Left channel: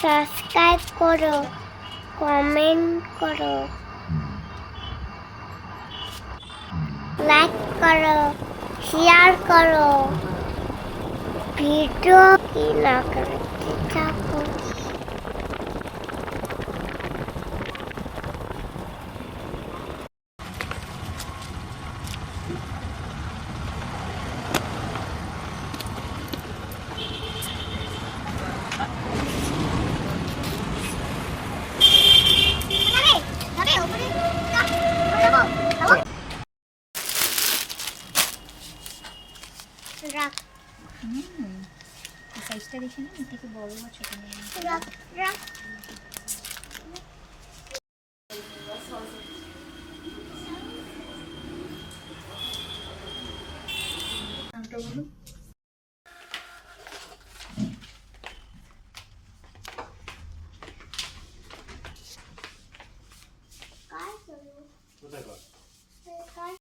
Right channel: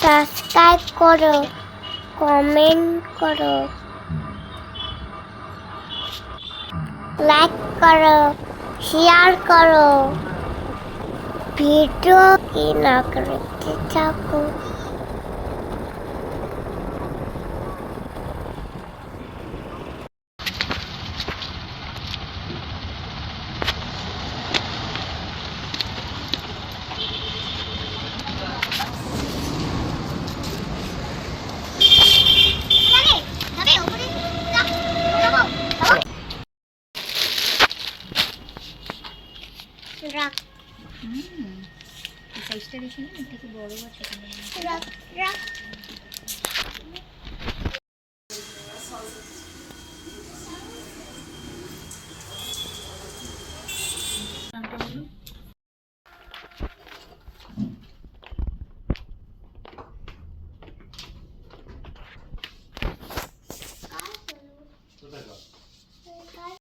Subscribe করো comment করো like করো শেয়ার করো। ভিডিও কি না করতে থাকো রাখ। সাইজটা দেখি না থেকে বড় আছে রাখ রাখ।